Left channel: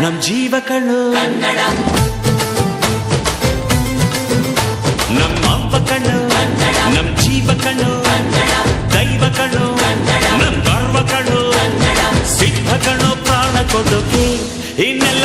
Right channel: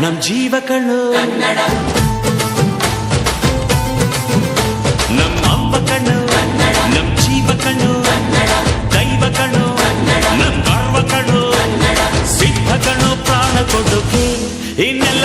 ನಮ್ ಜೀವ ಕಣ್ಣು. ನಮ್ಮ ಅವ್ವ ಕಣ್ಣು, ನಮ್ ಜೀವ ಕಣ್ಣು. ದೈವ ಕಣ್ಣು, ನಮ್ ಗರ್ವ ಕಣ್ಣು. ಸಿದ್ಧ ಕಣ್ಣು, ಪ್ರಾಣ ಕೊಡುಗೆ. ಇನ್ನೆಲ್ಲ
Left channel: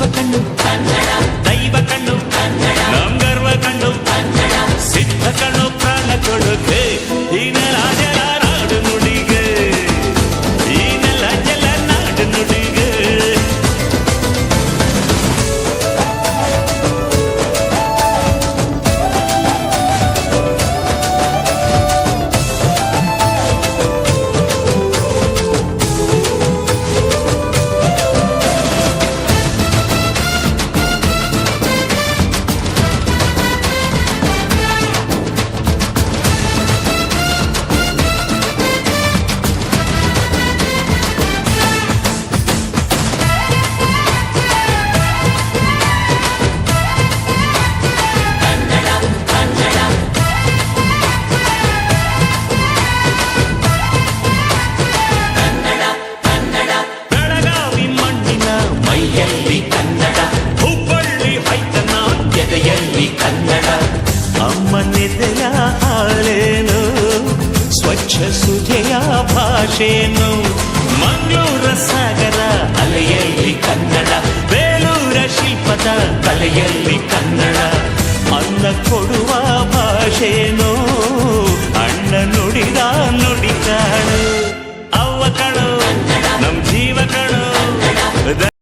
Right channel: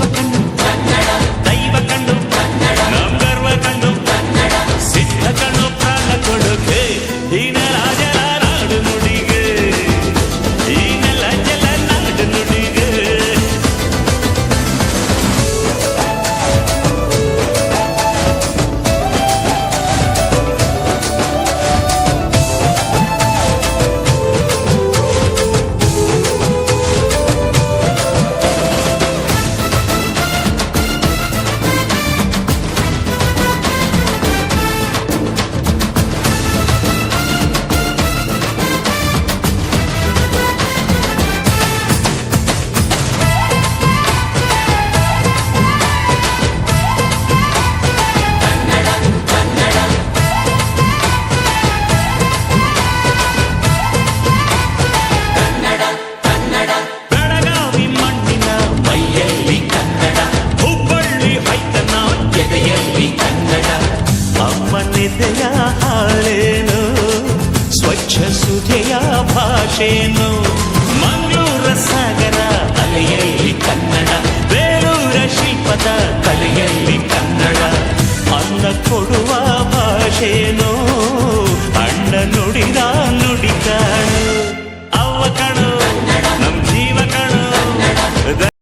ಕಣ್ಣು ದೈವ ಕಣ್ಣು ನಮ್ ಎದೆಯಲ್ಲಿ ಕನ್ನಡ, ಅಮ್ಮನಿದೆಯ ಹಾಳೇನು ಸ್ವಚ್ಛ ಸುಧೆಯ ಭಾಷೇನು ಮಂಗಳೂರ ಸಾಗರ ಅಲೆಯಲ್ಲಿ ಕನ್ನಡ, ಬೇಲೂರ ಶಿಲ್ಪದ ಕಲೆಯಲ್ಲಿ ಕನ್ನಡ, ಅನ್ನ ಕೊಡುವ ಭಾಷೆನೋ ಅಣ್ಣ ನುಡಿದ ನುಡಿ ಕಾಣು, ಅವ್ವ ಕಣು, ನಮ್ ಜೀವ ಕಣು.